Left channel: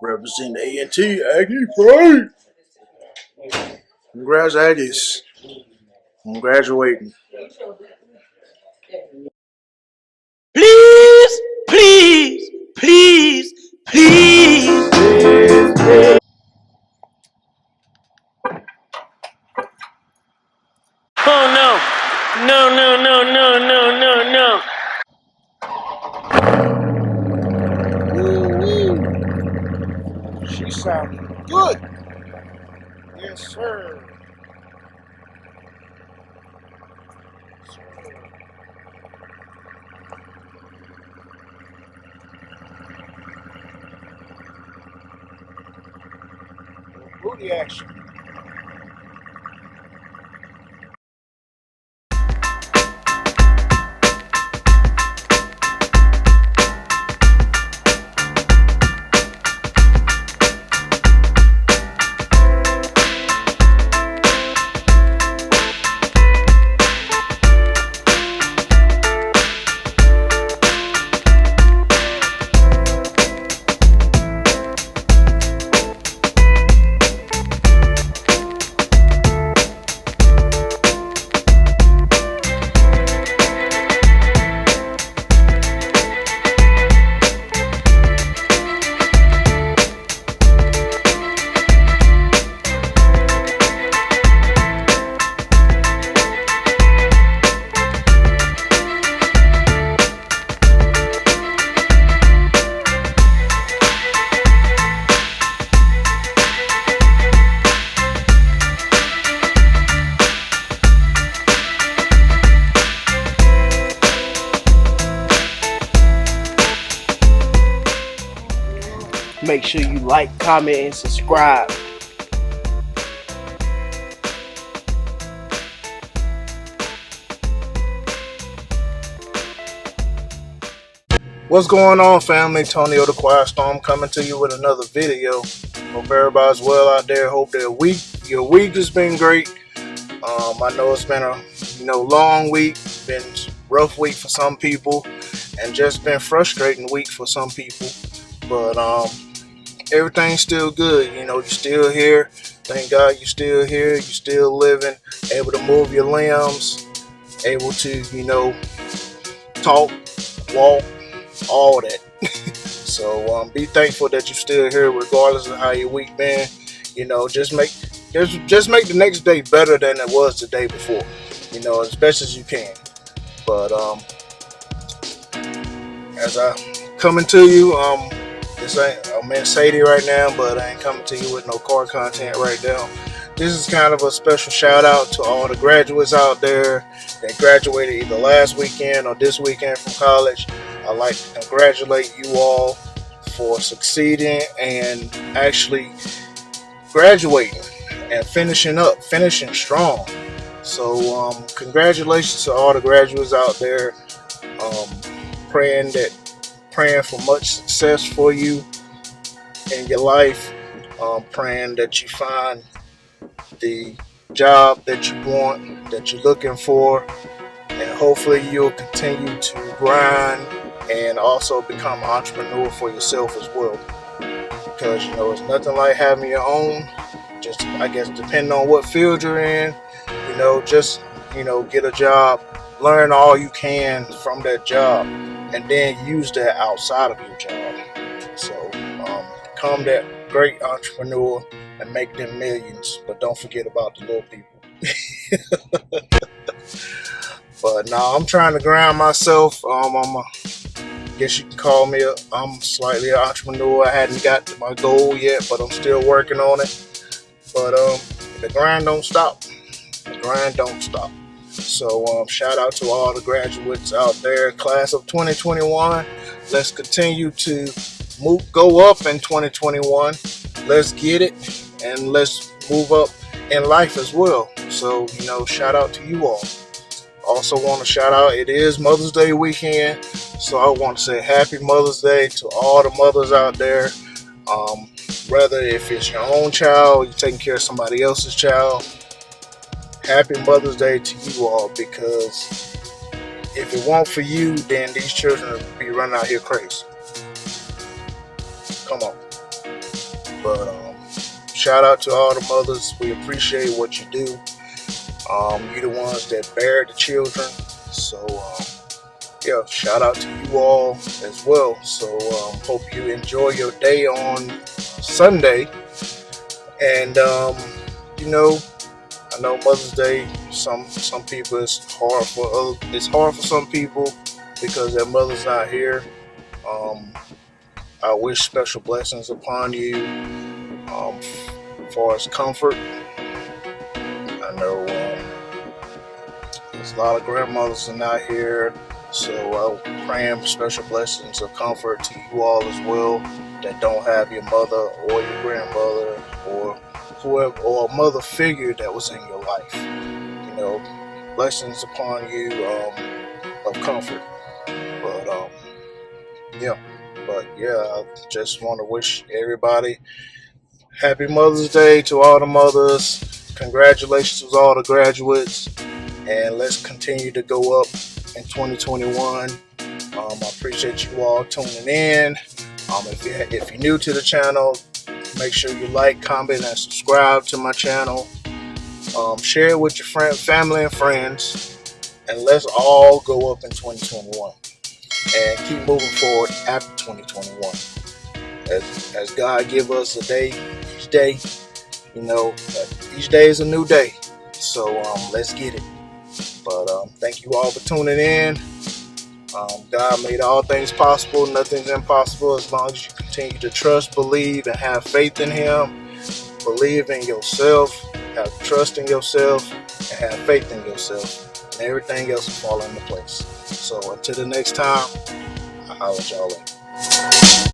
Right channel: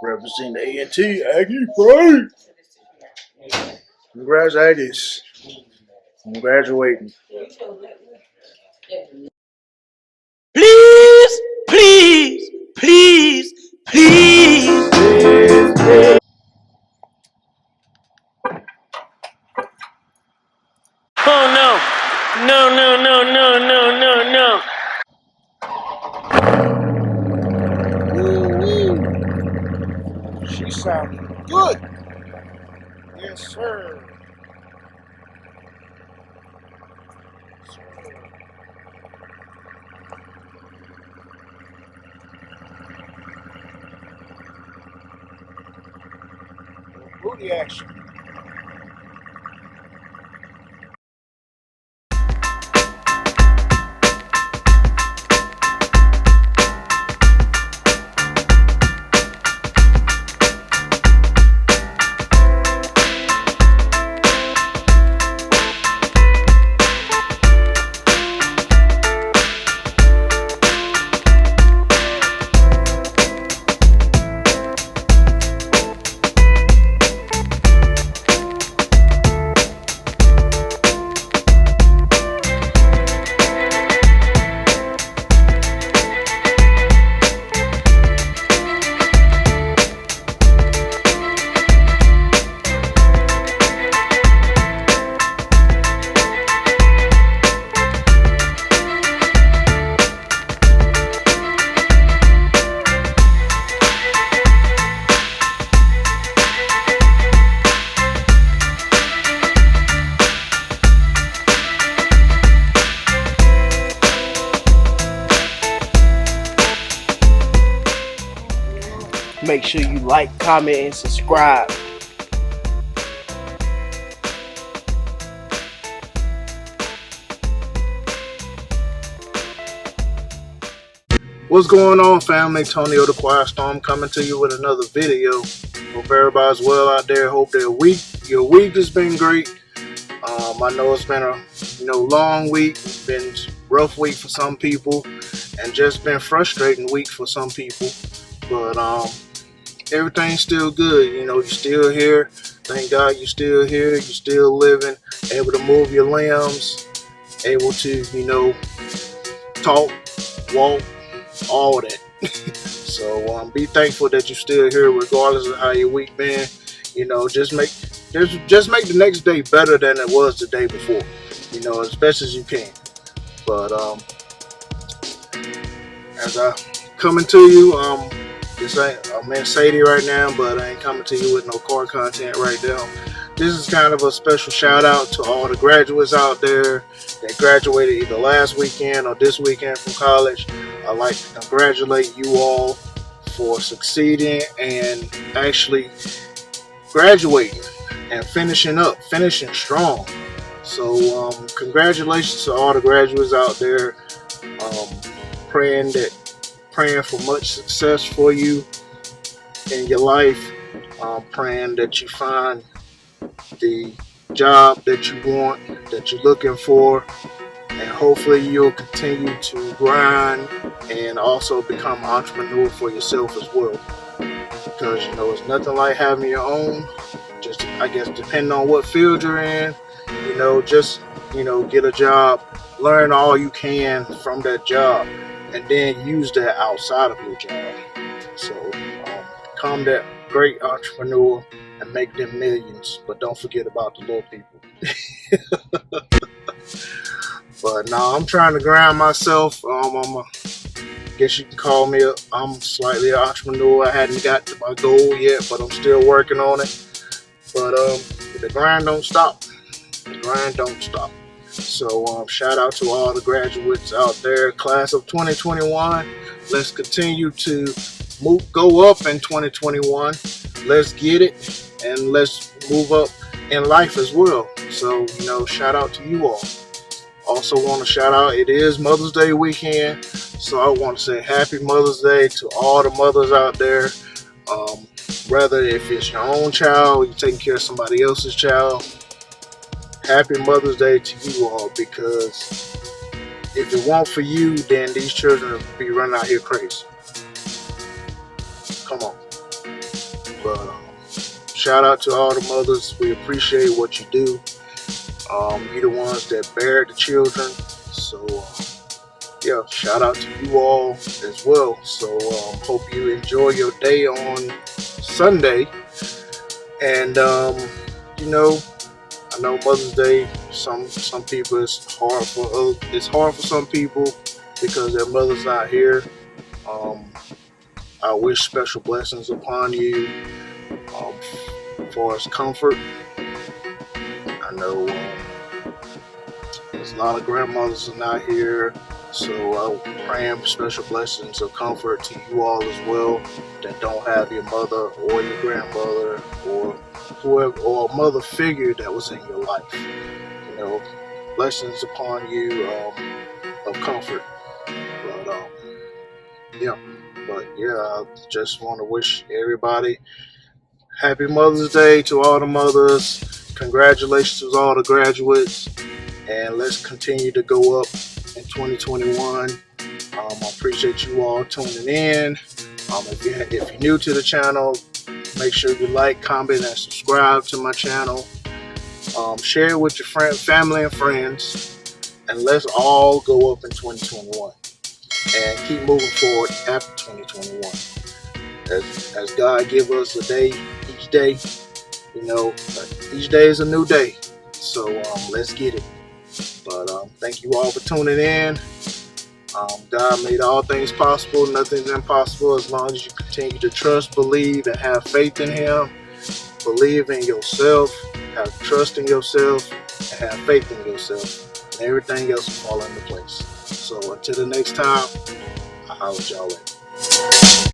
Represent A&T, Aggie Pride. Congrats, Aggies. I'm graduating. Please, please, please, please. Oh no. No, no, no, no, no, no, no. Ooh, she sounded good. Yes, sir. Booty action. Make sure you like, comment, and subscribe. What's going on, family? Tony the Quiet Storm coming to you with another video. Hope everybody's well out there. Hope your week has been great. I know it's been a long week, been rough week for some people, and just been frustrating week for some people. But everything's still good. You're still here. Thank God you're still here. You're still living, able to move your limbs, able to talk, walk, all that. So be thankful that you're still here, regardless of how your week been. Just make the next day better than it was the day before. As best as you can. But as I coming to you, I'm in Sadie right now, but I ain't coming to you with no car content right now. This is kind of a special shout out to all the graduates out there that graduated either last weekend or this weekend from college. I'd like to congratulate you all for succeeding and actually graduating and finishing strong. So congratulations to all the graduates out there. Praying for much success for you in your life. Praying that you find the job that you want, that you're looking for, and hopefully you'll continue to grind and also become an entrepreneur for yourself as well. Because it's nothing like having your own. Just, I guess, depending on what field you're in, just get a job, learn all you can from that job, and then use that outside of your job. So become that great entrepreneur and make them millions, but don't forget about the little people. But no, I'm trying to grind myself. Guess you can call me I'm slightly an entrepreneur. I hadn't got to my goal yet, but I'm still working on it. But the grind don't stop. The grind don't stop. So shout out to all the graduates out there, class of 2021. Let's continue to go up in 2021. Let's get it, and let's move up in life as well. So shout out to you all. Also want to shout out, it is Mother's Day weekend, so I want to say happy Mother's Day to all the mothers out there. Whether if it's your own child or you're taking care of somebody else's child, happy Mother's Day to you all, because if it weren't for you, then these children would be running out here crazy. Come on. shout out to all the mothers. We appreciate what you do. You're the ones that bear the children. So, yeah, shout out to you all as well. So, hope you enjoy your day on Sunday. And, I know Mother's Day. Some people it's hard for some people because their mother's not here. Um, I wish special blessings upon you. For as comfort, I know there's a lot of grandmothers are not here, so I'm praying for special blessings of comfort to you all as well that don't have your mother or your grandmother or whoever or a mother figure that was in your life. Blessings upon you of comfort. But yeah, I just want to wish everybody happy Mother's Day to all the mothers. Congratulations to all the graduates. And let's continue to go up in 2021. I appreciate you all tuning in. If you're new to the channel, make sure you like, comment, and subscribe to my channel. Share it with your family, and friends. And let's all go up in 2021. And keep moving forward after 2021. As God give us a day, each day, each day is a new day. So let's get it. But thank you all for tuning in. God made all things possible. Nothing's impossible as long as you continue to trust, believe, and have faith in Him. Believe in yourself, have trust in yourself, and have faith in yourself. And everything else will fall into place. So until the next time, I'll holler at y'all later.